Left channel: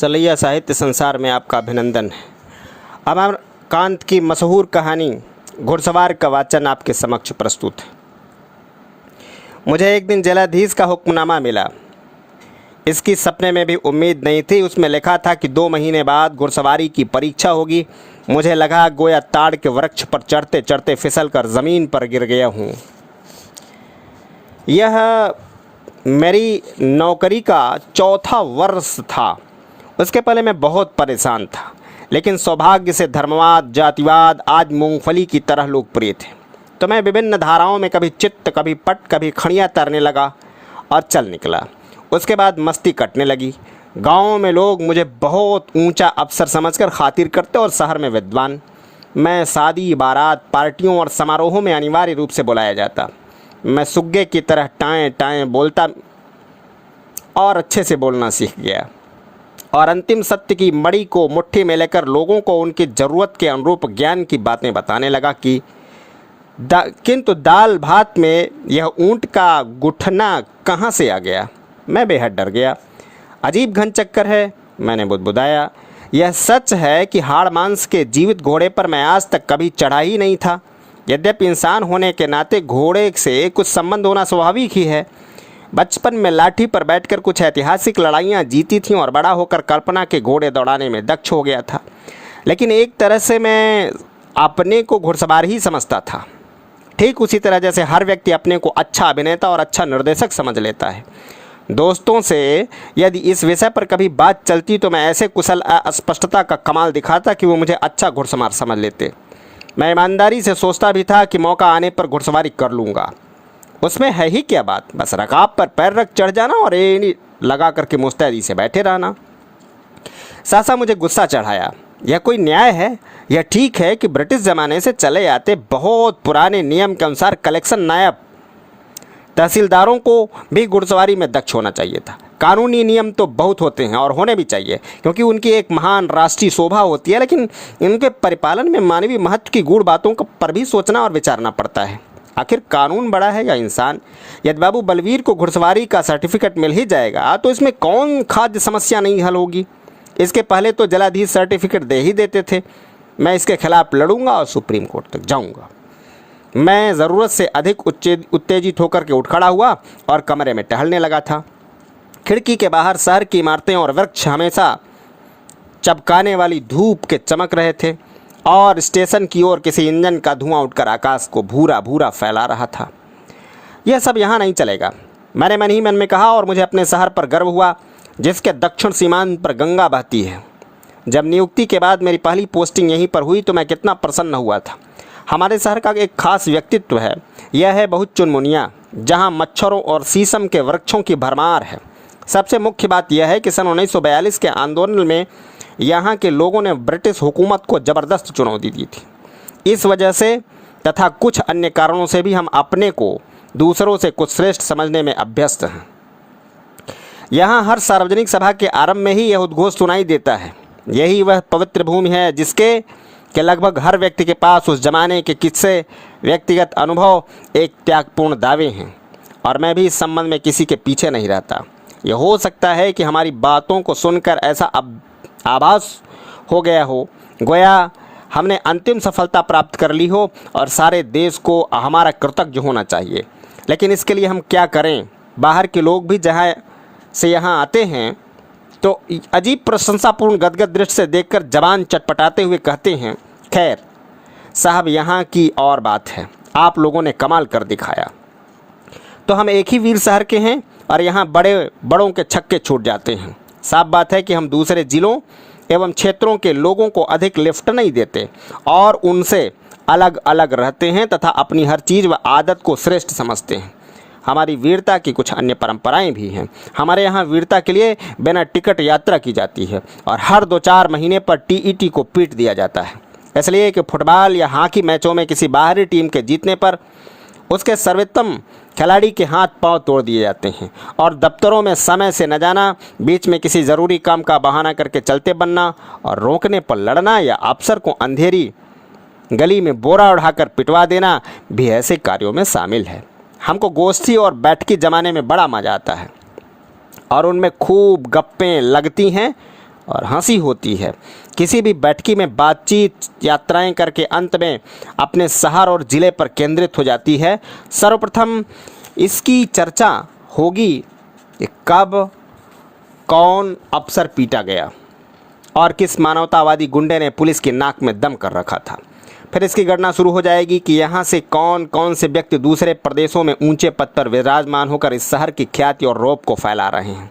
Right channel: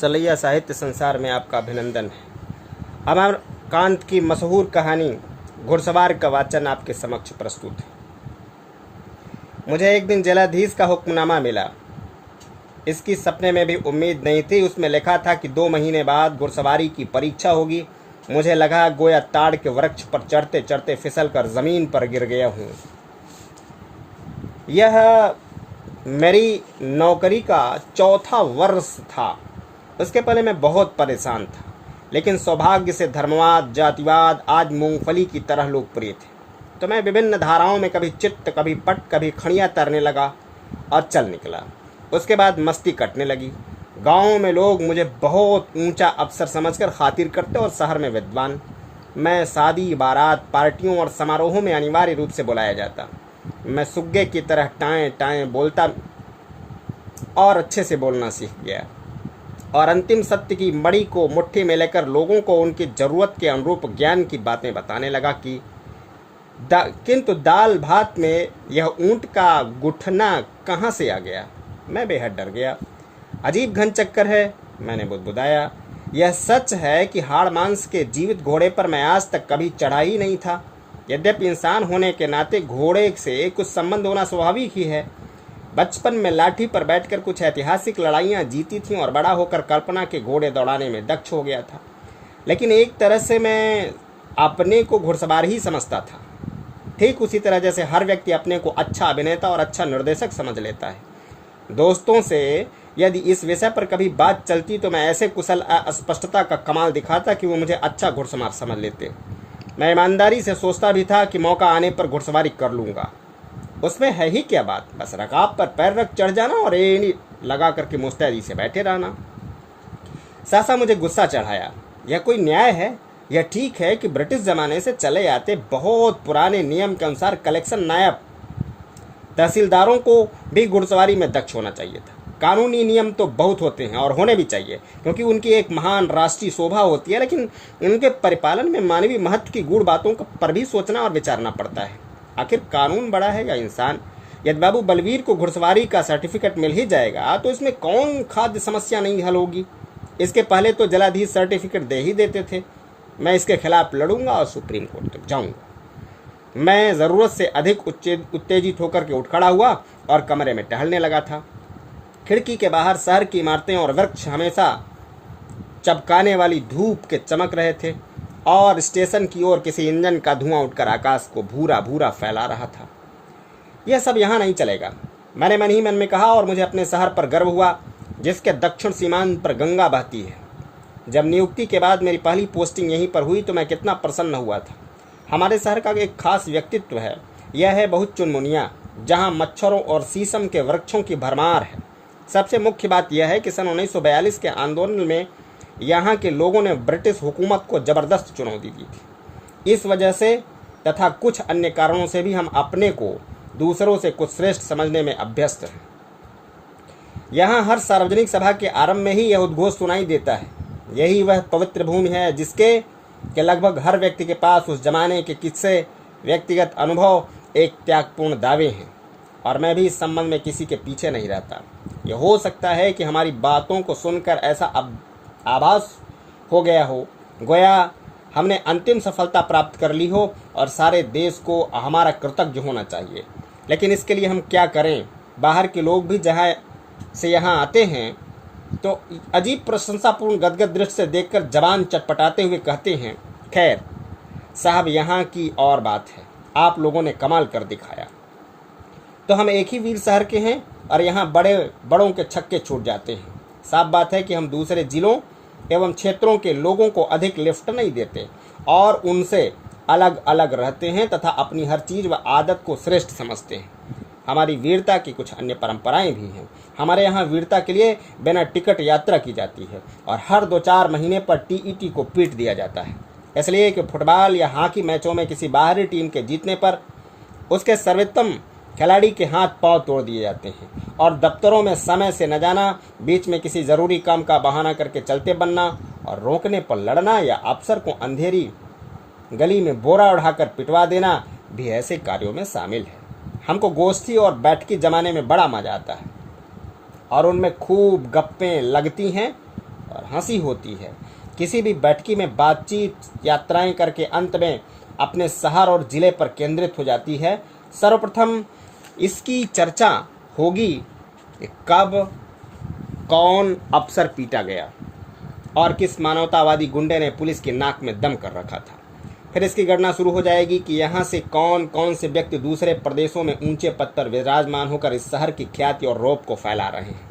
सलैया साहित्य संसार में आपका अभिनंदन है। अमरकांत की मशहूर कहानी घुड़सवार का वाचन आपके समक्ष प्रस्तुत है। मुझे एक दिन जेलाधीश का हुक्मनामा मिला। इसकी सपने में भी उम्मीद नहीं थी। उसमें लिखा था कि 2 महीने बाद घुड़सवारी की परीक्षा होगी। मुझे लगा गोया ताड़ के वृक्ष पर चढ़ते चढ़ते फिसल कर ज़मीन पर गिर गया हूँ। यह मेरी नौकरी का 4था वर्ष था। उसके पहले मैं बहुत परेशान था, लेकिन सौभाग्य से धर्मवाद, जातिवाद आज मूंगफली की तरह लोकप्रिय थे। तो मैं विभिन्न धाराओं में कभी चित्त, कभी पट, कभी खड़ियाँ तरने लगा और चल निकला। उसके बाद मस्ती कटने लगी। गाँव में लोग मुझे बहुत ऊंचा अफसर समझकर खातिर करते और शहर में विद्वान। मैं शादी, बारात, पार्टियों और समारोहों में अनिवार्य रूप से बुलाया जाता। मैं सुग्गे की तरह टाएं टाएं बोलता और अच्छे से बोलना सीख गया और अंतिम सत्य की मड़ी को मुट्ठी में लेकर लोगों को उनकी ज़रूरत के अनुरूप ज्ञान की बातें बताने लगा कि किंतु दाल भात में यह ऊंट का गुठना कहाँ से आ गया। मैं बेहद डर गया। अजीब घन चक्कर है, मैंने बुदबुदाया। यह सच है कि हाड़ मांस के जीवित घोड़े पर मैं आज तक कभी चढ़ा ही नहीं था। यद्यपि इंसान होने के नाते घोड़े से कुछ संबंध होना स्वाभाविक ही है। बचपन में लाठी पर बैठकर कुछ ऐतिहासिक लड़ाइयाँ जीती थीं और बड़ा होकर कल्पना के घोड़े दौड़ाने में दक्ष हो गया था। लेकिन एक तरह से मैं अपने को घुड़सवार ही समझता था, ठीक उसी तरह जैसे हर व्यक्ति अपने को अच्छा अभिनेता और अच्छा निर्देशक समझ लेता है। दोस्तों से यदि इस विषय पर कभी बात चलती तो मैं ऐसे कुशल अस्पष्टता का कमाल दिखाता कि वो मुझे अच्छा घुड़सवार समझ लेते। मैं ईमानदारी से सोचता भी था कि मौका आने पर घुड़सवारी कर लूँगा। उसमें है ही क्या बात, बस रकाब पर पैर रख चढ़ जाना और एड़ी लगा करके मुस्तैदी से बैठे रहना। सासा मुझे गुस्सा चढ़ाया। यह कोई न्याय है? यह ठीक है कि ब्रिटिश ज़माने से चले आते बहुत पुराने नियम के अनुसार कलेक्शन नायब तहसीलदारों को भी घुड़सवारी में दक्ष होना चाहिए था। कानूनी नियम तो बहुत होते हैं और होने भी चाहिए, क्योंकि उनकी एक महान राष्ट्रीय शोभा होती है, लेकिन इनके परिपालन में मानवीय महत्व की गूढ़ बातों पर भी सोचना और विचारना पड़ता है। आखिर कानून बड़ा है या इंसान? यदि बाबू बलवीर को घुड़सवारी का सर्टिफिकेट मिल ही जाएगा तो इसमें कौन खाद्य समस्या नहीं हल होगी। इसके पहले तो जलाधीश सर्टिफिकेट दे ही देते थे। मैं इसके खिलाफ लड़ूंगा और सुप्रीम कोर्ट तक जाऊंगा। मैं ज़रूरत से अधिक उत्तेजित होकर के उठ खड़ा हुआ और कमरे में टहलने लगा था। खिड़की के बाहर शहर की इमारतें और वृक्ष हमेशा चमकाने वाली धूप के चमक रहे थे और स्टेशन की ओर किसी इंजन का धुआं उठकर आकाश को भूरा भूरा फैला रहा था। यह सब यहाँ नहीं चलेगा, मैंने मन ही मन में कहा, और मुझे अपने शहर पर गर्व हुआ जिसके दक्षिण सीमांत पर गंगा बहती है। जब नियुक्ति के बाद मेरी पहली पोस्टिंग यहीं पर हुई तो मैं कितना प्रसन्न हुआ था। हमारे शहर का एक खास व्यक्तित्व है। यह है बहुत चुनमुनिया, जहाँ मच्छरों और शीशम के वृक्षों की भरमार है। सबसे मुख्य बात यह है कि सन 1942 के आंदोलन में यहाँ के लोगों ने ब्रिटिश हुकूमत को ज़बरदस्त चुनौती दी थी। इस वजह से तथा कुछ अन्य कारणों से भी हम अपने को दूसरों से कुछ श्रेष्ठ समझने में अभ्यस्त हैं। यहाँ हर सार्वजनिक सभा के आरंभ में ही यह उद्घोष सुनाई देता है। यही वह पवित्र भूमि है जिसके लगभग हर व्यक्ति के पास उस जमाने के किस्से, व्यक्तिगत अनुभव, एक त्यागपूर्ण दावे हैं, और मैं भी इस संबंध में किसी के पीछे नहीं रहता। यह हो सकता है कि हमारी बातों को सुनकर ऐसा आभास हो गया हो गोया हमने अंतिम सफलता प्राप्त कर ली हो और सारे देश को हमारा कृतज्ञ होना चाहिए। लेकिन इसके लिए हम क्या करें? बाहर के लोग भी जहाँ से यहाँ आते हैं तो अजीब प्रशंसापूर्ण गदगद दृष्टि से देखकर जबान चटपटाते हुए कहते हैं, खैर साहब, यहाँ की और बात है, आप लोगों ने कमाल कर दिखाया। तो हम एक ही वीर शहर के हैं और यहाँ बड़ों के छक्के छूट जाते हैं। साफ बात है कि हम दूसरे जिलों एवं क्षेत्रों के लोगों को अधिक लिफ्ट नहीं देते और उनसे अलग अलग रहते हैं तथा अपनी हर चीज़ व आदत को श्रेष्ठ समझते हैं। हमारी वीरता की कुछ अन्य परंपराएं भी हैं। हमारे यहाँ वीरता के लिए बिना टिकट यात्रा की जाती है और हर 2-4 महीने पर टीईटी को पीट दिया जाता है, इसलिए कि फुटबॉल या हॉकी मैचों में किसी बाहरी टीम के जीतने पर उसके सर्वोत्तम खिलाड़ी के हाथ पांव तोड़ दिए जाते हैं। और दफ्तरों में समय से न जाना, बीच में किसी ज़रूरी काम का बहाना करके चलते बनना और रोकने पर लड़ना या अफसर को अंधेरी गली में बोरा उठाकर पिटवा देना भी ऐसे कार्यों में शामिल है। हमको गोष्ठी और बैठकी जमाने में बड़ा मज़ा आता है और उनमें खूब गप्पें लगती हैं और हंसी होती है। किसी भी बैठकी में बातचीत यात्राएं करके अंत में अपने शहर और ज़िले पर केंद्रित हो जाती है। सर्वप्रथम इसकी चर्चा होगी कि कब कौन अफसर पीटा गया और किस मानवतावादी गुंडे ने पुलिस की नाक में दम कर रखा था। फिर इसकी गणना शुरू हो जाएगी कि यहाँ से कौन कौन से व्यक्ति दूसरे प्रदेशों में ऊंचे पद पर विराजमान होकर इस शहर की ख्याति और रौब को फैला रहे हैं।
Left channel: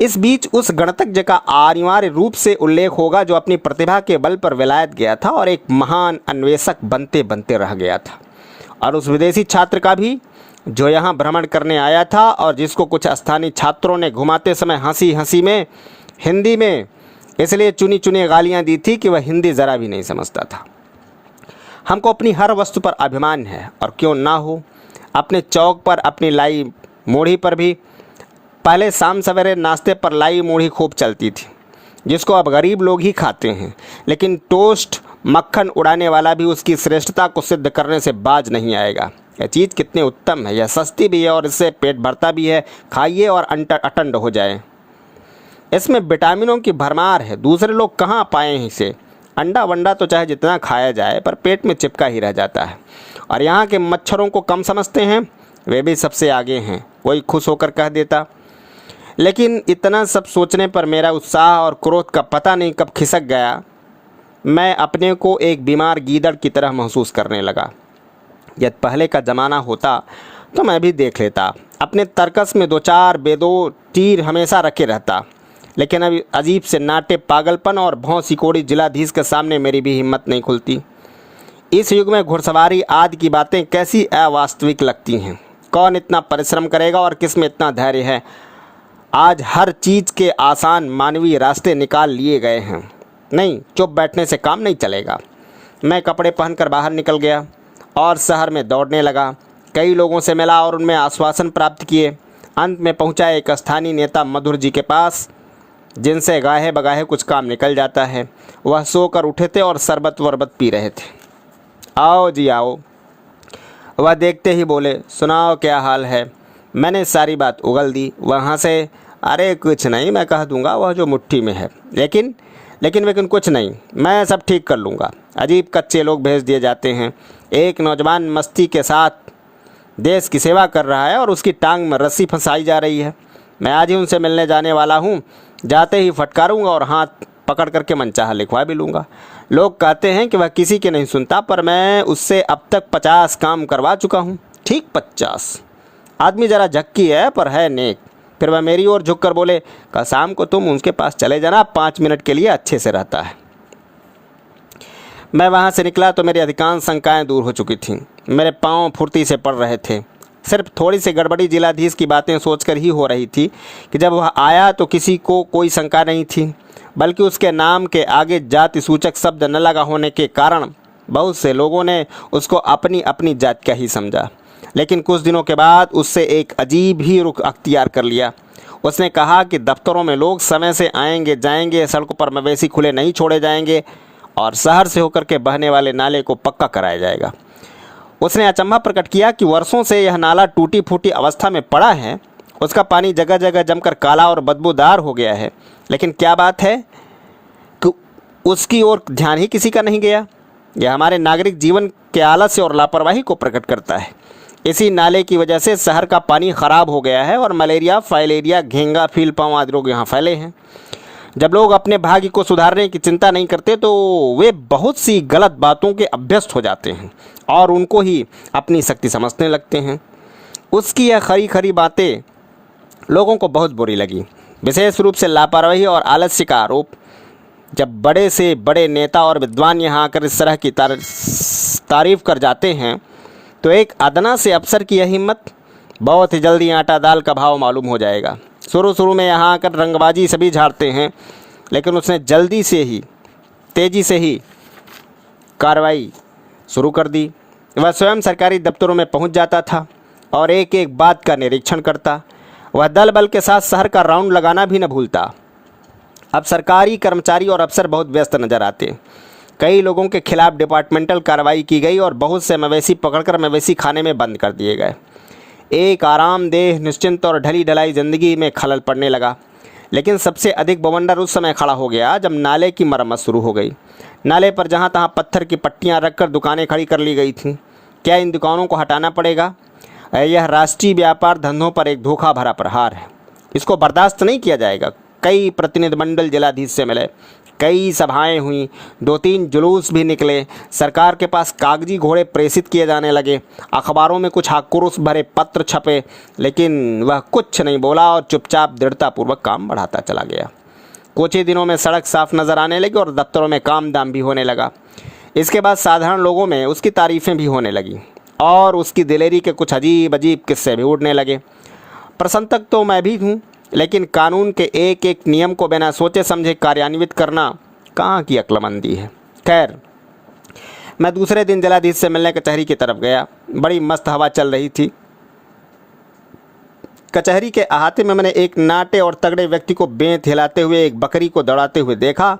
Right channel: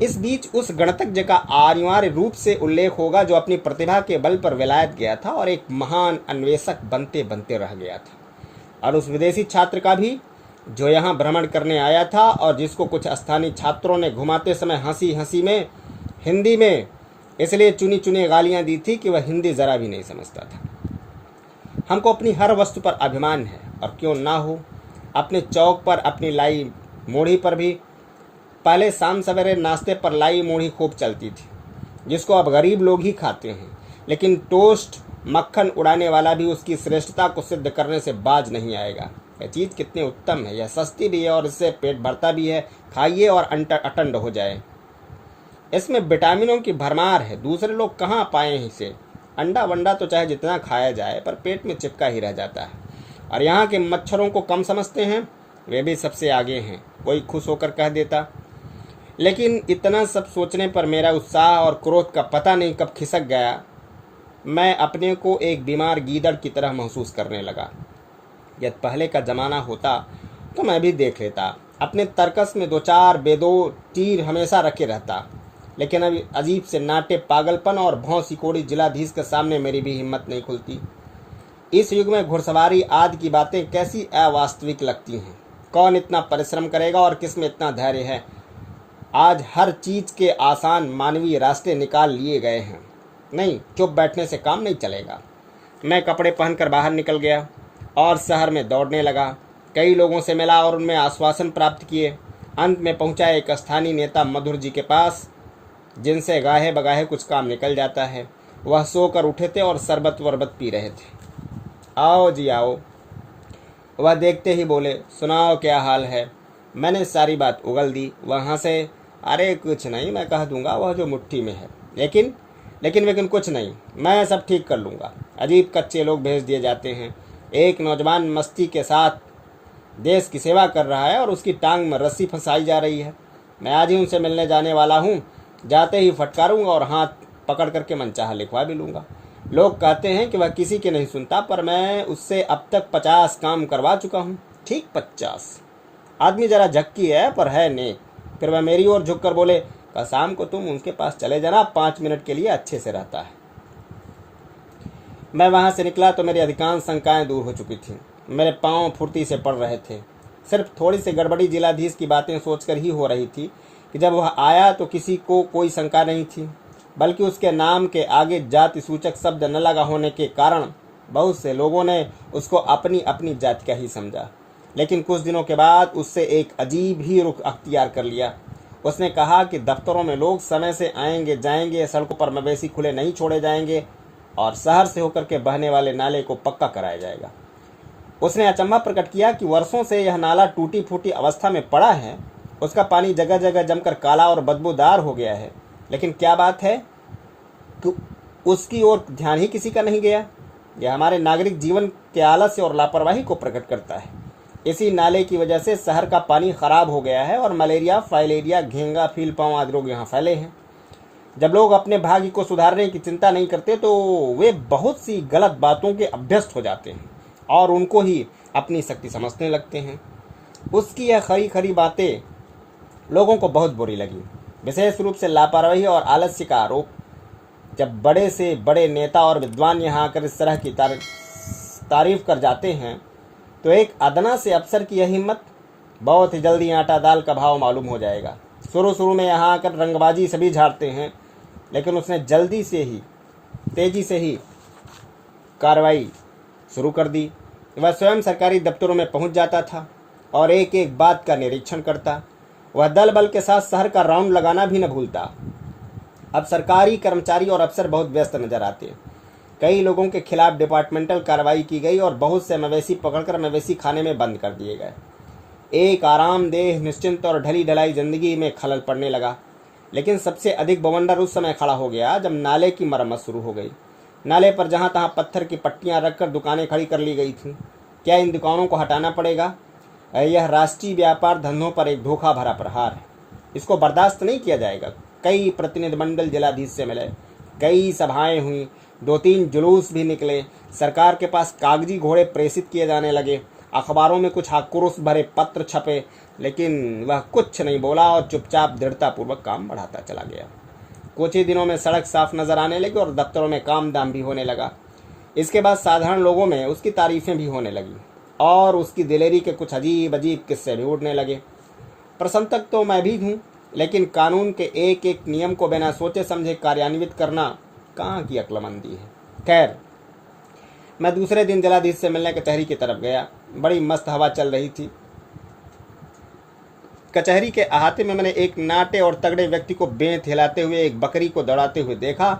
इस बीच उस गणतज्ञ का अनिवार्य रूप से उल्लेख होगा जो अपनी प्रतिभा के बल पर विलायत गया था और एक महान अन्वेषक बनते बनते रह गया था, और उस विदेशी छात्र का भी जो यहाँ भ्रमण करने आया था और जिसको कुछ स्थानीय छात्रों ने घुमाते समय हंसी हंसी में हिंदी में इसलिए चुनी चुनी गालियाँ दी थी कि वह हिंदी ज़रा भी नहीं समझता था। हमको अपनी हर वस्तु पर अभिमान है, और क्यों ना हो। अपने चौक पर अपनी लाई मूढ़ी पर भी पहले शाम सवेरे नाश्ते पर लाई मूढ़ी खूब चलती थी, जिसको अब गरीब लोग ही खाते हैं, लेकिन टोस्ट मक्खन उड़ाने वाला भी उसकी श्रेष्ठता को सिद्ध करने से बाज नहीं आएगा। यह चीज़ कितनी उत्तम है, यह सस्ती भी है और इससे पेट भरता भी है। खाइए और अटंड हो जाए। इसमें विटामिनों की भरमार है, दूसरे लोग कहाँ पाए हैं इसे। अंडा वंडा तो चाहे जितना खाया जाए पर पेट में चिपका ही रह जाता है। और यहाँ के मच्छरों को कम समझते हैं, वे भी सबसे आगे हैं, कोई खुश होकर कह देता। लेकिन इतना सब सोचने पर मेरा उत्साह और क्रोध का पता नहीं कब खिसक गया। मैं अपने को एक बीमार गीदड़ की तरह महसूस करने लगा। यदि पहले का ज़माना होता तो मैं भी देख लेता, अपने तर्कस में दो चार बेदो तीर हमेशा रखे रहता। लेकिन अभी अजीब से नाटे पागलपन और भौं सिकोड़ी जिलाधीश के सामने मेरी भी हिम्मत नहीं खुलती। इस युग में घुड़सवारी आदि की बातें कैसी अवास्तविक लगती हैं। कौन इतना परिश्रम करेगा और किस में इतना धैर्य है। आज हर चीज़ के आसान मानवीय रास्ते निकाल लिए गए हैं। नहीं, चुप बैठने से काम नहीं चलेगा। मैं कपड़े पहनकर बाहर निकल गया और शहर में दौड़ने लगा। कई लोगों से मिला और उनमें आश्वासन प्राप्त किए। अंत में पहुंचा एक स्थानीय नेता मधुर जी के पास, जिनसे गाहे बगाहे कुछ काम निकल जाता है। वह सोकर उठे थे और शरबत वरबत पी रहे थे। आओ जी आओ। वह देखते ही बोले, सुनाओ क्या हाल है। मैंने सारी बात उगल दी। वहाँ से, अरे कुछ नहीं, मैं कह दूंगा वह जो मुट्ठी में है। लेकिन कुछ नहीं, मैं सब ठीक कर लूँगा। अजीब कच्चे लोग भेज दिए जाते हैं। एक नौजवान मस्ती के साथ देश की सेवा कर रहा है और उसकी टांग में रस्सी फंसाई जा रही है। मैं आज ही उनसे मिलने जाने वाला हूँ। जाते ही फटकारूंगा और हाथ पकड़ करके मनचाहा लिखवा भी लूँगा। लोग कहते हैं कि वह किसी के नहीं सुनता, पर मैं उससे अब तक 50 काम करवा चुका हूँ। ठीक 50। आदमी ज़रा झक्की है पर है नेक। फिर वह मेरी ओर झुककर बोले, कल शाम को तुम उसके पास चले जाना, 5 मिनट के लिए अच्छे से रहता है। मैं वहाँ से निकला तो मेरी अधिकांश शंकाएँ दूर हो चुकी थीं। मेरे पाँव फुर्ती से पड़ रहे थे। सिर्फ थोड़ी सी गड़बड़ी जिलाधीश की बातें सोचकर ही हो रही थी कि जब वह आया तो किसी को कोई शंका नहीं थी, बल्कि उसके नाम के आगे जाति सूचक शब्द न लगा होने के कारण बहुत से लोगों ने उसको अपनी अपनी जात का ही समझा। लेकिन कुछ दिनों के बाद उससे एक अजीब ही रुख अख्तियार कर लिया। उसने कहा कि दफ्तरों में लोग समय से आएंगे जाएंगे, सड़कों पर मवेशी खुले नहीं छोड़े जाएंगे और शहर से होकर के बहने वाले नाले को पक्का कराया जाएगा। उसने अचंभा प्रकट किया कि वर्षों से यह नाला टूटी फूटी अवस्था में पड़ा है। उसका पानी जगह जगह जमकर काला और बदबूदार हो गया है, लेकिन क्या बात है कि उसकी ओर ध्यान ही किसी का नहीं गया। यह हमारे नागरिक जीवन के आलस्य और लापरवाही को प्रकट करता है। इसी नाले की वजह से शहर का पानी खराब हो गया है और मलेरिया, फाइलेरिया, घेंगा, फीलपाँव आदि रोग यहाँ फैले हैं। जब लोग अपने भाग्य को सुधारने की चिंता नहीं करते तो वे बहुत सी गलत बातों के अभ्यस्त हो जाते हैं और उनको ही अपनी शक्ति समझने लगते हैं। उसकी यह खरी खरी बातें लोगों को बहुत बुरी लगी, विशेष रूप से लापरवाही और आलस्य का आरोप। जब बड़े से बड़े नेता और विद्वान यहाँ आकर इस तरह की तारीफ कर जाते हैं तो एक अदना से अफसर की यह हिम्मत, बहुत ही जल्दी आटा दाल का भाव मालूम हो जाएगा। शुरू में यहाँ आकर रंगबाजी सभी झाड़ते हैं, लेकिन उसने तेज़ी से ही कार्रवाई शुरू कर दी। वह स्वयं सरकारी दफ्तरों में पहुंच जाता था और एक एक बात का निरीक्षण करता। वह दल बल के साथ शहर का राउंड लगाना भी न भूलता। अब सरकारी कर्मचारी और अफसर बहुत व्यस्त नजर आते। कई लोगों के खिलाफ डिपार्टमेंटल कार्रवाई की गई और बहुत से मवेशी पकड़कर मवेशी खाने में बंद कर दिए गए। एक आरामदेह, निश्चिंत और ढली ढलाई जिंदगी में खलल पड़ने लगा। लेकिन सबसे अधिक बवंडर उस समय खड़ा हो गया जब नाले की मरम्मत शुरू हो गई। नाले पर जहाँ तहाँ पत्थर की पट्टियाँ रखकर दुकानें खड़ी कर ली गई थीं। क्या इन दुकानों को हटाना पड़ेगा? यह राष्ट्रीय व्यापार धंधों पर एक धोखा भरा प्रहार है। इसको बर्दाश्त नहीं किया जाएगा। कई प्रतिनिधिमंडल जिलाधीश से मिले, कई सभाएं हुई, 2-3 जुलूस भी निकले, सरकार के पास कागजी घोड़े प्रेषित किए जाने लगे, अखबारों में कुछ आक्रोश भरे पत्र छपे, लेकिन वह कुछ नहीं बोला और चुपचाप दृढ़तापूर्वक काम बढ़ाता चला गया। कुछ ही दिनों में सड़क साफ नजर आने लगी और दफ्तरों में काम दाम भी होने लगा। इसके बाद साधारण लोगों में उसकी तारीफें भी होने लगी और उसकी दिलेरी के कुछ अजीब अजीब किस्से भी उड़ने लगे। प्रशंसक तो मैं भी हूँ, लेकिन कानून के एक एक नियम को बिना सोचे समझे कार्यान्वित करना कहाँ की अक्लमंदी है। खैर, मैं दूसरे दिन जिलाधीश से मिलने कचहरी की तरफ गया। बड़ी मस्त हवा चल रही थी। कचहरी के अहाते में मैंने एक नाटे और तगड़े व्यक्ति को बेंत हिलाते हुए एक बकरी को दौड़ाते हुए देखा,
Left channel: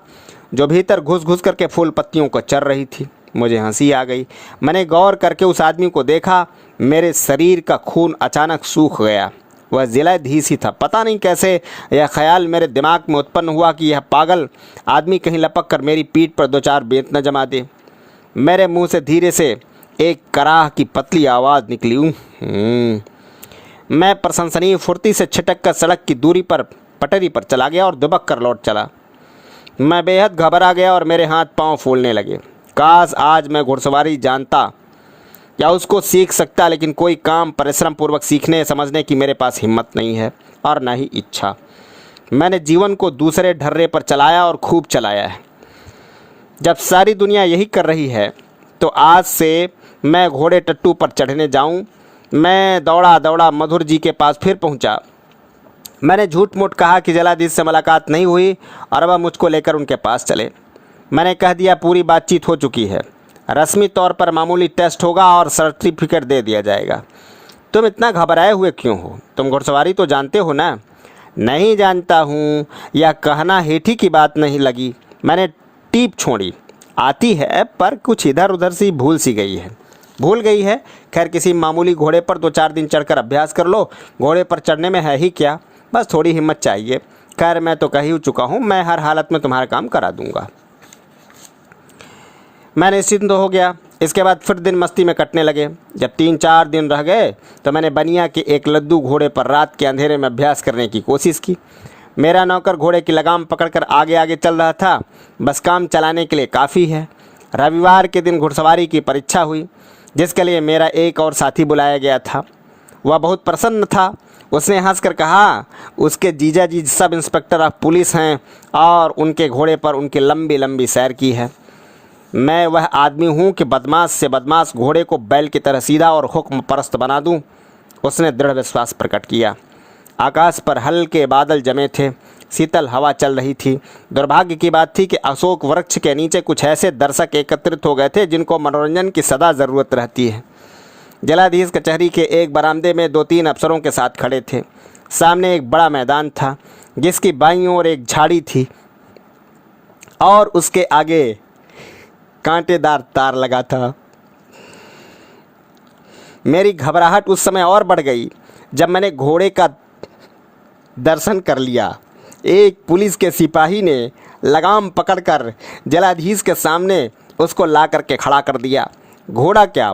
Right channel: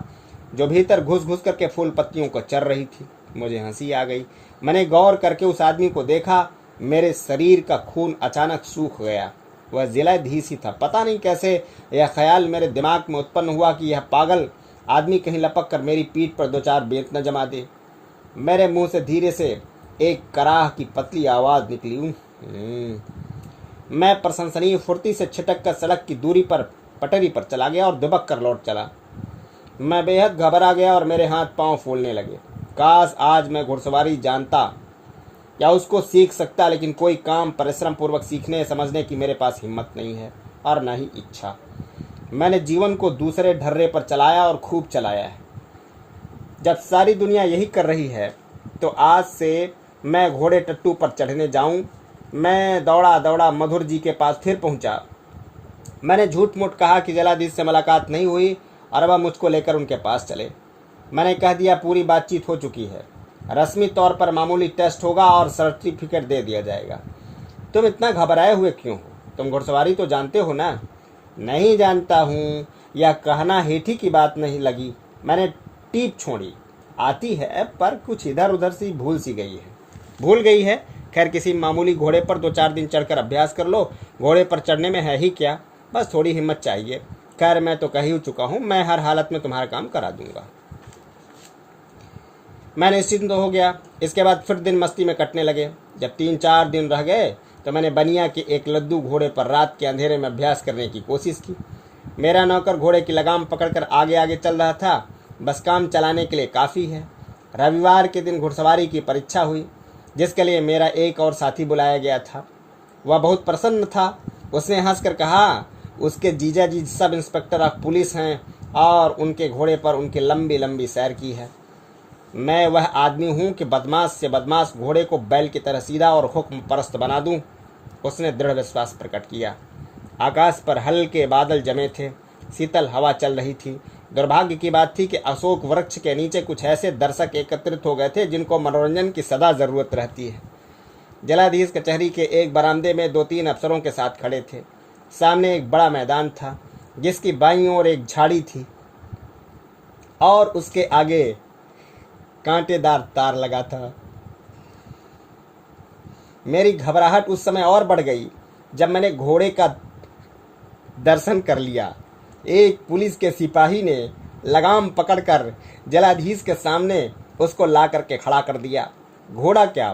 जो भीतर घुस घुस करके फूल पत्तियों को चर रही थी। मुझे हंसी आ गई। मैंने गौर करके उस आदमी को देखा। मेरे शरीर का खून अचानक सूख गया। वह जिलाधीश ही था। पता नहीं कैसे यह ख्याल मेरे दिमाग में उत्पन्न हुआ कि यह पागल आदमी कहीं लपक कर मेरी पीठ पर 2-4 बेंत न जमा दे। मेरे मुंह से धीरे से एक कराह की पतली आवाज़ निकली। मैं प्रशंसनीय फुर्ती से छिटक कर सड़क की दूरी पर पटरी पर चला गया और दुबक कर लौट चला। मैं बेहद घबरा गया और मेरे हाथ पांव फूलने लगे। काश आज मैं घुड़सवारी जानता या उसको सीख सकता, लेकिन कोई काम परिश्रम पूर्वक सीखने समझने की मेरे पास हिम्मत नहीं है और न ही इच्छा। मैंने जीवन को दूसरे ढर्रे पर चलाया और खूब चलाया है। जब सारी दुनिया यही कर रही है तो आज से मैं घोड़े टट्टू पर चढ़ने जाऊं। मैं दौड़ा दौड़ा मधुर जी के पास फिर पहुंचा। मैंने झूठ मूठ कहा कि जिलाधीश से मुलाकात नहीं हुई और वह मुझको लेकर उनके पास चले। मैंने कह दिया पूरी बातचीत हो चुकी है, रस्मी तौर पर मामूली टेस्ट होगा और सर्टिफिकेट दे दिया जाएगा। तुम इतना घबराए हुए क्यों हो? तुम घुड़सवारी तो जानते हो ना? नहीं जानता हूँ, यह कहना हेठी की बात नहीं लगी। मैंने टीप छोड़ी। आती है पर कुछ इधर उधर सी भूल गई है। खैर, किसी मामूली घोड़े पर 2-4 दिन चढ़कर अभ्यास कर लो। घोड़े पर चढ़ने में है ही क्या, बस थोड़ी हिम्मत चाहिए। खैर, मैं तो कह ही चुका हूँ, मैं हर हालत में तुम्हारा काम करा दूंगा। मैं निश्चिंत हो गया। इसके बाद फिर दिन मस्ती में कटने लगे। जब 3-4 दिन रह गए तो मैंने बनिया के एक लद्दू घोड़े पर रात के अंधेरे में अभ्यास करने की कोशिश की। मेरा नौकर घोड़े की लगाम पकड़कर आगे आगे चल रहा था, बस काम चलाने के लिए काफ़ी है। रविवार के दिन घुड़सवारी की परीक्षा हुई, जिसके लिए मेरा एक और साथी बुलाया गया था। वह बहुत प्रसन्न था। उसने हंसकर कहा उसके जीजा जी सब इंस्पेक्टर ऑफ पुलिस हैं और उनके घोड़े पर उनकी लंबी लंबी सैर की है। मैं वह आदमी हूँ कि बदमाश से बदमाश घोड़े को बैल की तरह सीधा और हुक्म परस्त बना दूँ। उसने दृढ़ विश्वास प्रकट किया। आकाश पर हल्के बादल जमे थे, शीतल हवा चल रही थी। दुर्भाग्य की बात थी कि अशोक वृक्ष के नीचे कुछ ऐसे दर्शक एकत्रित हो गए थे जिनको मनोरंजन की सदा ज़रूरत रहती है। जिलाधीश कचहरी के एक बरामदे में 2-3 अफसरों के साथ खड़े थे। सामने एक बड़ा मैदान था जिसकी बाईं ओर एक झाड़ी थी और उसके आगे कांटेदार तार लगा था। मेरी घबराहट उस समय और बढ़ गई जब मैंने घोड़े का दर्शन कर लिया। एक पुलिस के सिपाही ने लगाम पकड़कर जिलाधीश के सामने उसको ला करके खड़ा कर दिया। घोड़ा क्या,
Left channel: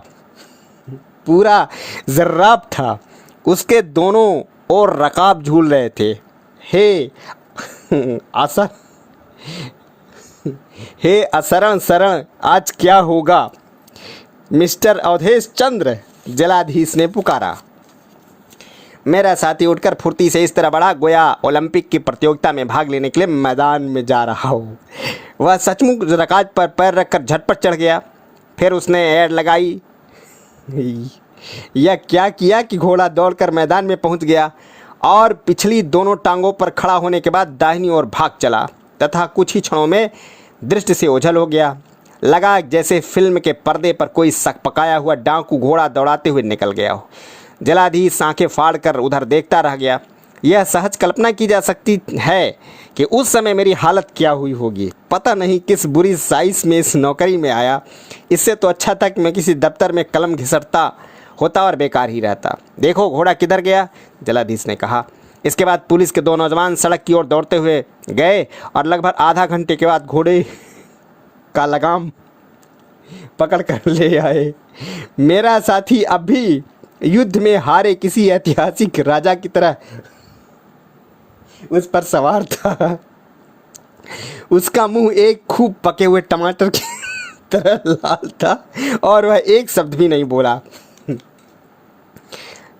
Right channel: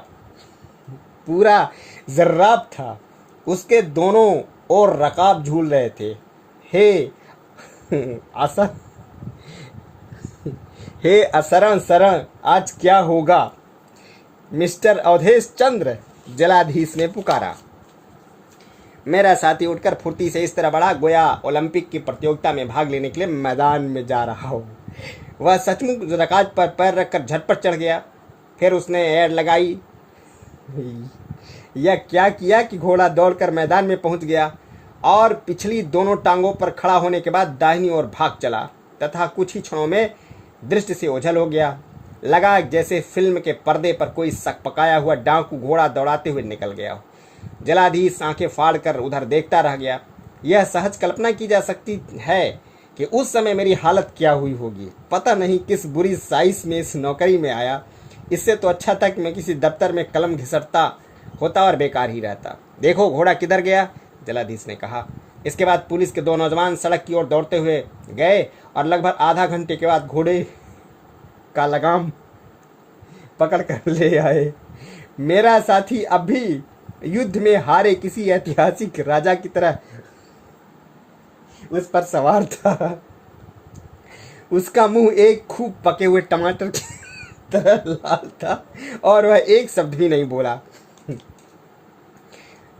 पूरा जर्राब था। उसके दोनों ओर रकाब झूल रहे थे। हे असरण शरण, आज क्या होगा? मिस्टर अवधेश चंद्र, जिलाधीश ने पुकारा। मेरा साथी उठकर फुर्ती से इस तरह बढ़ा गोया ओलंपिक की प्रतियोगिता में भाग लेने के लिए मैदान में जा रहा हो। वह सचमुच रकाज पर पैर रखकर झटपट चढ़ गया। फिर उसने ऐड लगाई। यह क्या किया कि घोड़ा दौड़कर मैदान में पहुंच गया और पिछली दोनों टांगों पर खड़ा होने के बाद दाहिनी ओर भाग चला तथा कुछ ही क्षणों में दृष्टि से ओझल हो गया। लगा जैसे फिल्म के पर्दे पर कोई सकपकाया हुआ डाकू घोड़ा दौड़ाते हुए निकल गया हो। जिलाधीश आंखें फाड़ कर उधर देखता रह गया। यह सहज कल्पना की जा सकती है कि उस समय मेरी हालत क्या हुई होगी। पता नहीं किस बुरी साइज में इस नौकरी में आया। इससे तो अच्छा था कि मैं किसी दफ्तर में कलम घिसटता होता और बेकार ही रहता। देखो घोड़ा किधर गया, जिलाधीश ने कहा। इसके बाद पुलिस के 2 नौजवान सड़क की ओर दौड़ते हुए गए और लगभग आधा घंटे के बाद घोड़े का लगाम पकड़ कर ले आए। मेरा साथी अब भी युद्ध में हारे किसी ऐतिहासिक राजा की तरह उस पर सवार था। उसका मुंह एक खूब पके हुए टमाटर की तरह लाल था और वह एक शब्द भी नहीं बोला।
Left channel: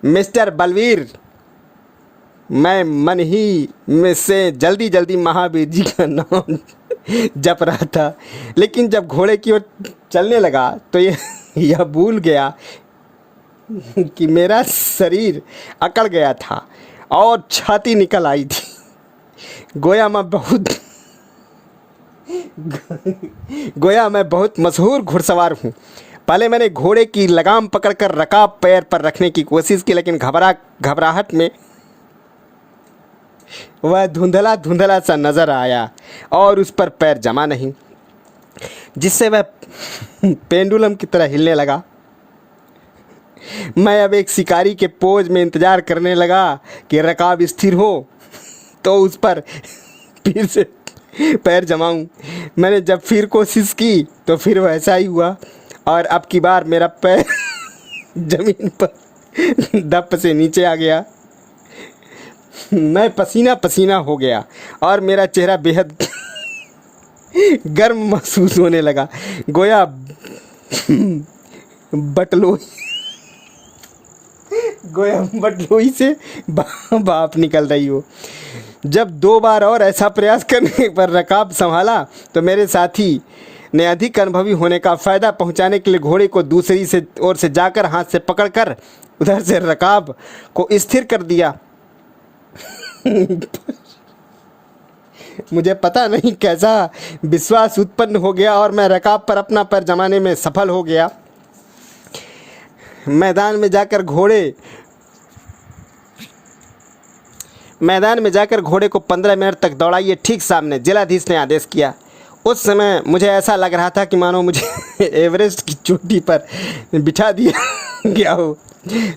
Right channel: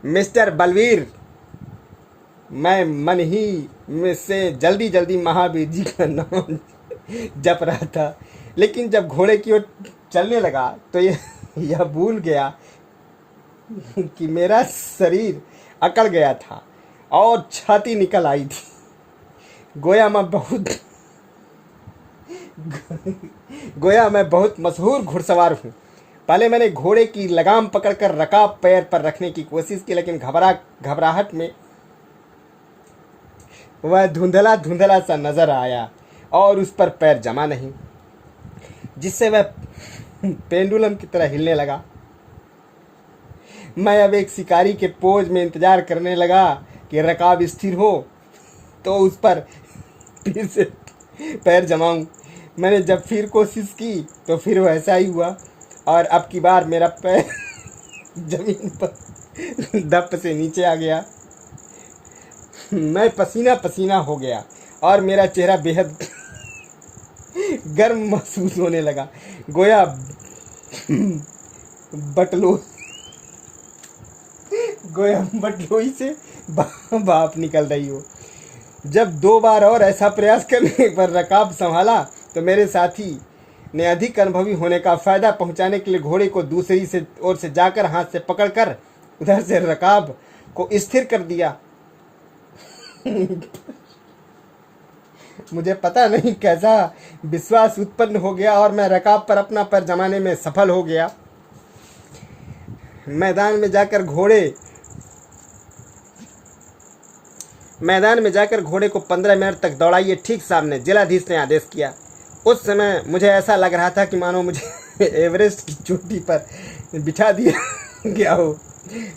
मिस्टर बलवीर, मैं मन ही में से जल्दी जल्दी महावीर जी का नाम जप रहा था, लेकिन जब घोड़े की ओर चलने लगा तो यह भूल गया कि मेरा शरीर अकड़ गया था और छाती निकल आई थी। गोया मैं बहुत मशहूर घुड़सवार हूँ। पहले मैंने घोड़े की लगाम पकड़कर रकाब पैर पर रखने की कोशिश की, लेकिन घबराहट में वह धुंधला धुंधला सा नजर आया और उस पर पैर जमा नहीं, जिससे वह पेंडुलम की तरह हिलने लगा। मैं अब एक शिकारी के पोज में इंतजार करने लगा कि रकाब स्थिर हो तो उस पर फिर से पैर जमाऊं। मैंने जब फिर कोशिश की तो फिर वैसा ही हुआ और अब की बार मेरा पैर जमीन पर दप से नीचे आ गया। मैं पसीना पसीना हो गया और मेरा चेहरा बेहद गर्म महसूस होने लगा, गोया बटलोई से भाप निकल रही हो। जब 2 बार और ऐसा प्रयास करने पर रकाब संभाला तो मेरे साथी ने अधिक अनुभवी होने का फ़ायदा पहुंचाने के लिए घोड़े को दूसरी से ओर से जाकर हाथ से पकड़कर उधर से रकाब को स्थिर कर दिया। मुझे पता नहीं कैसा विश्वास उत्पन्न हो गया और मैं रकाब पर अपना पैर जमाने में सफल हो गया। मैदान में जाकर घोड़े को 15 मिनट तक दौड़ाइए, ठीक सामने, जिलाधीश ने आदेश किया। उस समय मुझे ऐसा लग रहा था कि मानो मुझे एवरेस्ट की चोटी पर बिठा दिया गया हो।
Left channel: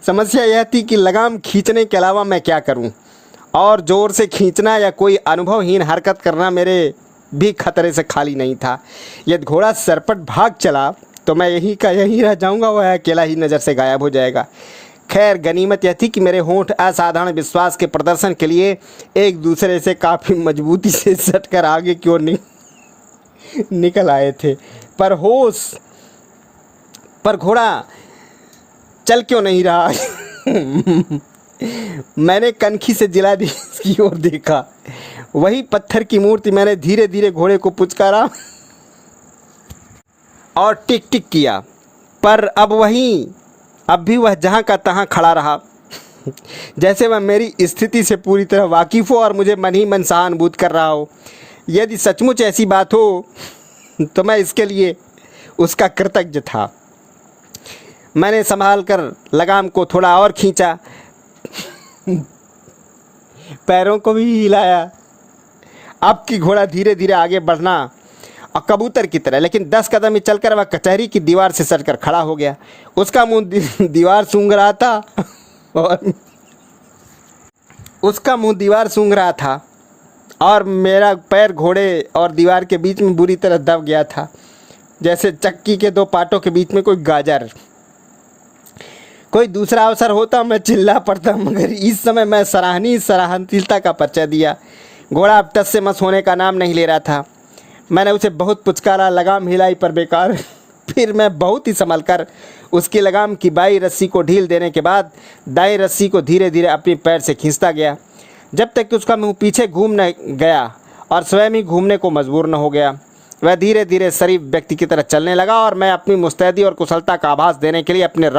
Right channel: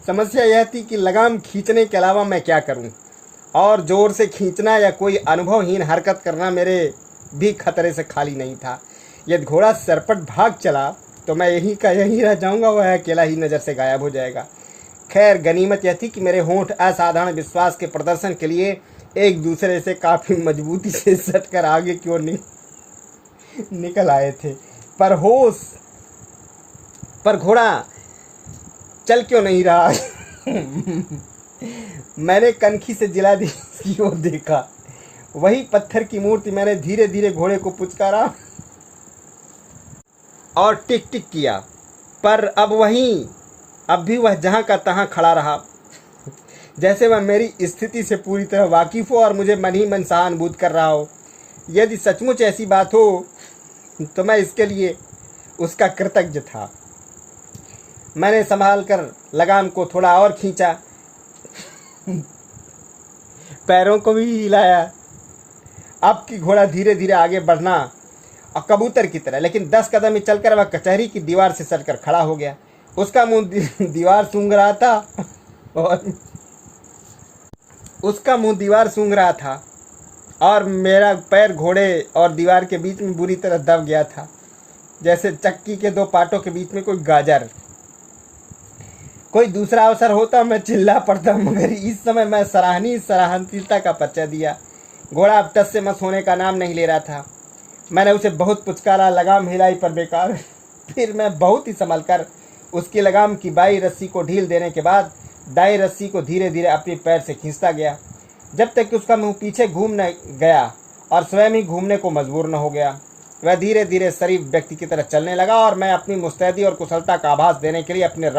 समस्या यह थी कि लगाम खींचने के अलावा मैं क्या करूं, और ज़ोर से खींचना या कोई अनुभवहीन हरकत करना मेरे भी खतरे से खाली नहीं था। यदि घोड़ा सरपट भाग चला तो मैं यहीं रह जाऊंगा, वह अकेला ही नज़र से गायब हो जाएगा। खैर, गनीमत यह थी कि मेरे होंठ असाधारण विश्वास के प्रदर्शन के लिए एक दूसरे से काफ़ी मजबूती से सटकर आगे की ओर निकल आए थे। पर घोड़ा चल क्यों नहीं रहा? मैंने कनखी से जिलाधीश की ओर देखा। वही पत्थर की मूर्ति। मैंने धीरे धीरे घोड़े को पुचकारा और टिक टिक किया, पर अब भी वह जहाँ का तहाँ खड़ा रहा, जैसे वह मेरी स्थिति से पूरी तरह वाकिफ़ हो और मुझे मन ही मन सहानुभूत कर रहा हो। यदि सचमुच ऐसी बात हो तो मैं इसके लिए उसका कृतज्ञ था। मैंने संभाल कर लगाम को थोड़ा और खींचा, पैरों को भी हिलाया। अब की घोड़ा धीरे धीरे आगे बढ़ना और कबूतर की तरह, लेकिन 10 कदम ही चलकर वह कचहरी की दीवार से सटकर खड़ा हो गया। उसका मुंह दीवार सूंघ रहा था और मेरा पैर घोड़े और दीवार के बीच में बुरी तरह दब गया था, जैसे चक्की के 2 पाटों के बीच में कोई गाजर। कोई दूसरा अवसर होता मैं चिल्ला पड़ता, मगर इस समय मैं सराहनीयता का परिचय दिया। घोड़ा अब टस से मस होने का नाम नहीं ले रहा था। मैंने उसे बहुत पुचकारा, लगाम हिलाई पर बेकार। फिर मैं बहुत ही संभल कर उसकी लगाम की बाई रस्सी को ढील देने के बाद दाई रस्सी को धीरे धीरे अपने पैर से खींचता गया, जब तक कि उसका मुंह पीछे घूम न गया और स्वयं ही घूमने को मजबूर न हो गया। वह धीरे धीरे शरीफ व्यक्ति की तरह चलने लगा और मैं अपनी मुस्तैदी और कुशलता का आभास देने के लिए अपने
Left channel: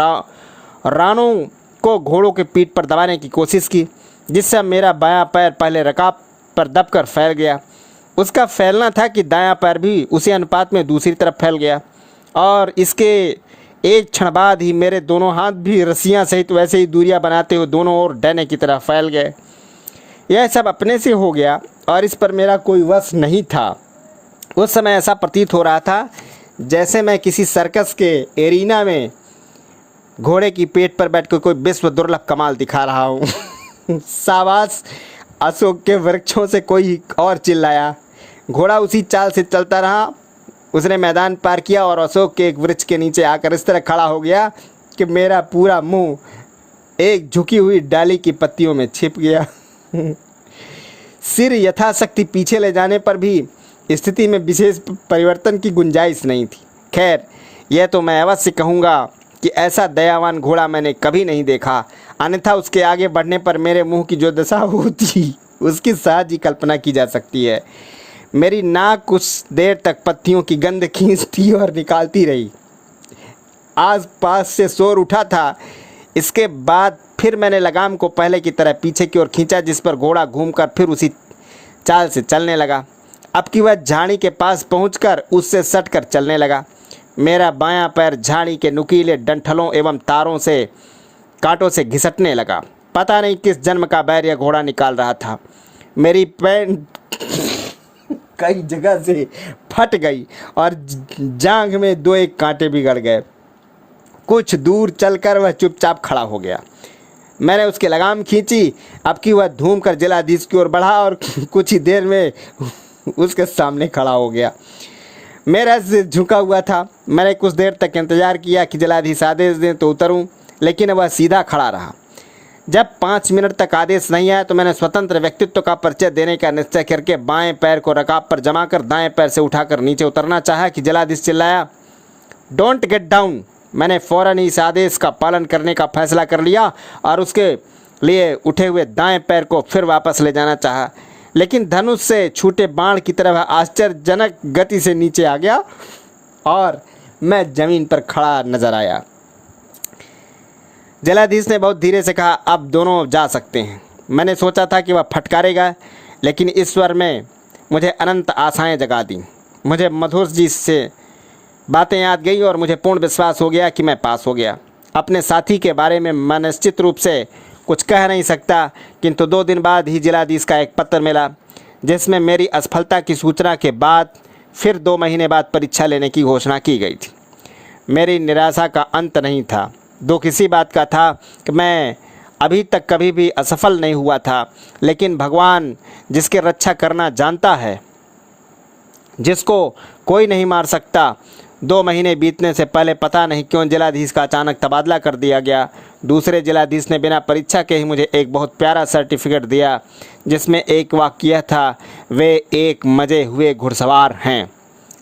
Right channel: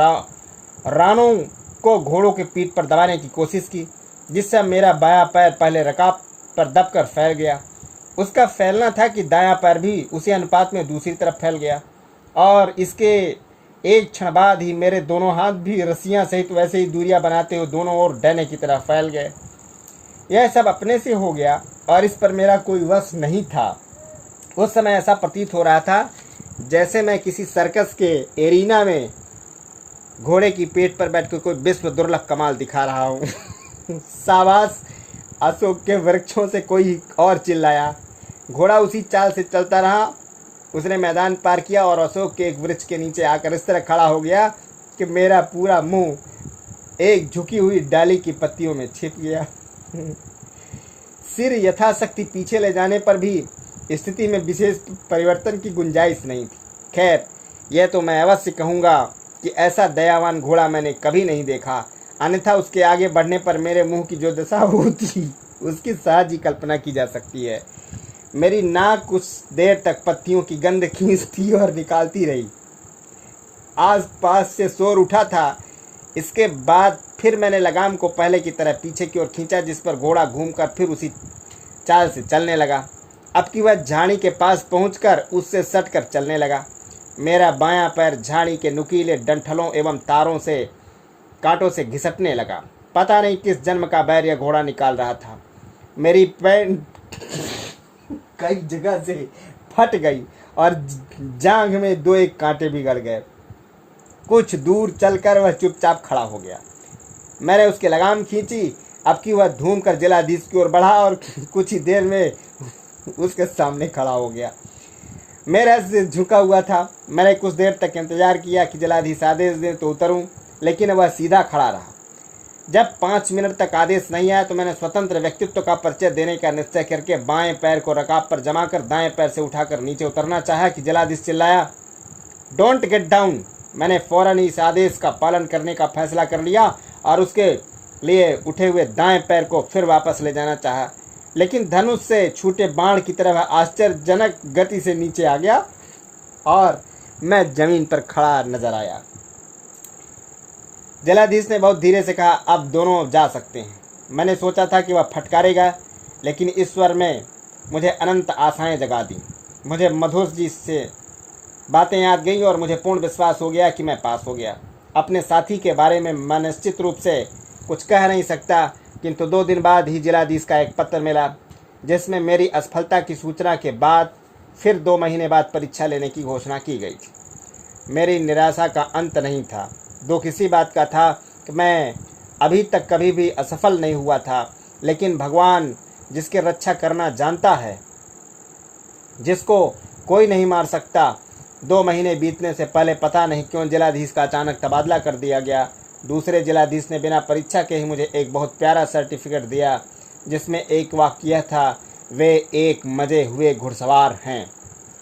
रानों को घोड़ों के पीठ पर दबाने की कोशिश की, जिससे मेरा बायां पैर पहले रकाब पर दबकर फैल गया। उसका फैलना था कि दायां पैर भी उसी अनुपात में दूसरी तरफ फैल गया और इसके एक क्षण बाद ही मेरे दोनों हाथ भी रस्सियां सहित वैसे ही दूरियां बनाते हुए दोनों ओर डैने की तरफ फैल गए। यह सब अपने से हो गया और इस पर मेरा कोई वश नहीं था। उस समय ऐसा प्रतीत हो रहा था जैसे मैं किसी सर्कस के एरिना में घोड़े की पेट पर बैठकर कोई विश्व दुर्लभ कमाल दिखा रहा हूँ। शाबाश, अशोक के वृक्षों से कोई और चिल्लाया। घोड़ा उसी चाल से चलता रहा। उसने मैदान पार किया और अशोक के एक वृक्ष के नीचे आकर इस तरह खड़ा हो गया कि मेरा पूरा मुंह एक झुकी हुई डाली की पत्तियों में छिप गया। सिर यथाशक्ति पीछे ले जाने पर भी स्थिति में विशेष परिवर्तन की गुंजाइश नहीं थी। खैर, यह तो मैं अवश्य कहूँगा कि ऐसा दयावान घोड़ा मैंने कभी नहीं देखा, अन्यथा उसके आगे बढ़ने पर मेरे मुंह की जो दशा होती उसकी सहज ही कल्पना की जा सकती है। मेरी नाक कुछ देर तक पत्तियों की गंध खींचती और निकालती रही। आस पास से शोर उठा था। इसके बाद फिर मैंने लगाम को पहले की तरह पीछे की ओर खींचा, जिस पर घोड़ा घूमकर फिर उसी चाल से चलने लगा। अब की वह झाड़ी के पास पहुंचकर उससे सटकर चलने लगा। मेरा बायां पैर झाड़ी के नुकीले डंठलों एवं तारों से कांटों से घिसटने लगा। पता नहीं किस जन्म का बैर यह घोड़ा निकाल रहा था। मेरी पैंट कई जगह से फट गई और जांघ में 2-1 कांटे बिगड़ गए। कुछ दूर चलकर वह चुपचाप खड़ा हो गया। मैंने उसकी लगाम खींची। अब की वह धूम कर जिलाधीश की ओर बढ़ा और कुछ ही देर में उसके सामने खड़ा हो गया। मेरा सिर झुका हुआ था। मैंने कुछ देर तक इंतजार किया कि जिलाधीश आदेश दें तो उतरूं, लेकिन वह सीधा खड़ा रहा। जब 5 मिनट तक आदेश नहीं आया तो मैंने स्वतंत्र व्यक्तित्व का परिचय देने का निश्चय करके बाएं पैर को रकाब पर जमाकर दाएं पैर से उठाकर नीचे उतरना चाहा कि जिलाधीश चिल्लाया, डोंट गेट डाउन। मैंने फौरन इस आदेश का पालन करने का फैसला कर लिया और उसके लिए उठे हुए दाएं पैर को फिर वापस ले जाना चाहा, लेकिन धनुष से छूटे बाण की तरह आश्चर्यजनक गति से नीचे आ गया और मैं जमीन पर खड़ा नजर आया। जिलाधीश ने बहुत धीरे से कहा, अब दोनों जा सकते हैं। मैंने सोचा था कि वह फटकारेगा, लेकिन इस स्वर में मुझे अनंत आशाएं जगा दी। मुझे मधुर जी से बातें याद गई और मुझे पूर्ण विश्वास हो गया कि मैं पास हो गया। अपने साथी के बारे में मैं निश्चित रूप से कुछ कह नहीं सकता, किंतु 2 दिन बाद ही जिलाधीश का एक पत्र मिला, जिसमें मेरी असफलता की सूचना के बाद फिर 2 महीने बाद परीक्षा लेने की घोषणा की गई थी। मेरी निराशा का अंत नहीं था। दुख इसी बात का था कि मैं अभी तक कभी भी असफल नहीं हुआ था, लेकिन भगवान जिसके रक्षा करना जानता है, जिसको कोई नहीं मार सकता, 2 महीने बीतने से पहले पता नहीं क्यों जिलाधीश का अचानक तबादला कर दिया गया। दूसरे जिलाधीश ने बिना परीक्षा के ही मुझे एक बहुत प्यारा सर्टिफिकेट दिया, जिसमें एक वाक्य यह था, वे एक मजे हुए घुड़सवार हैं।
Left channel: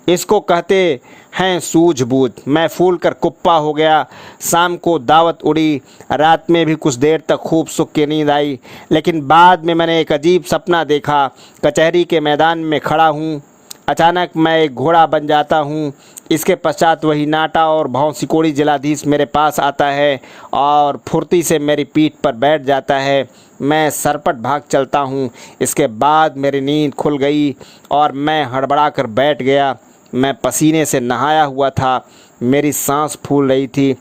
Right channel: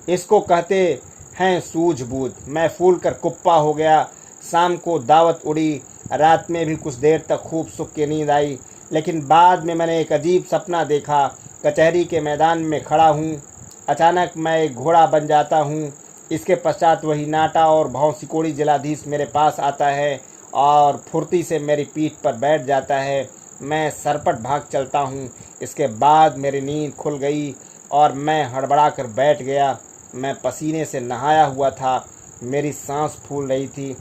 इसको कहते हैं सूझबूझ। मैं फूल कर कुप्पा हो गया। शाम को दावत उड़ी। रात में भी कुछ देर तक खूब सुख की नींद आई, लेकिन बाद में मैंने एक अजीब सपना देखा। कचहरी के मैदान में खड़ा हूँ, अचानक मैं एक घोड़ा बन जाता हूँ। इसके पश्चात वही नाटा और भाव सिकोड़ी जिलाधीश मेरे पास आता है और फुर्ती से मेरी पीठ पर बैठ जाता है। मैं सरपट भाग चलता हूँ। इसके बाद मेरी नींद खुल गई और मैं हड़बड़ा कर बैठ गया। मैं पसीने से नहाया हुआ था। मेरी सांस फूल रही थी।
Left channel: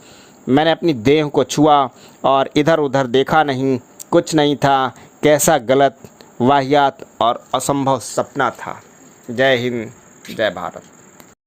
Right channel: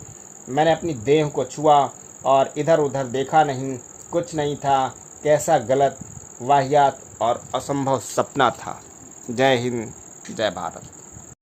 मैंने अपनी देह को छुआ और इधर उधर देखा नहीं। कुछ नहीं था। कैसा गलत, वाहियात और असंभव सपना था। जय हिंद, जय भारत।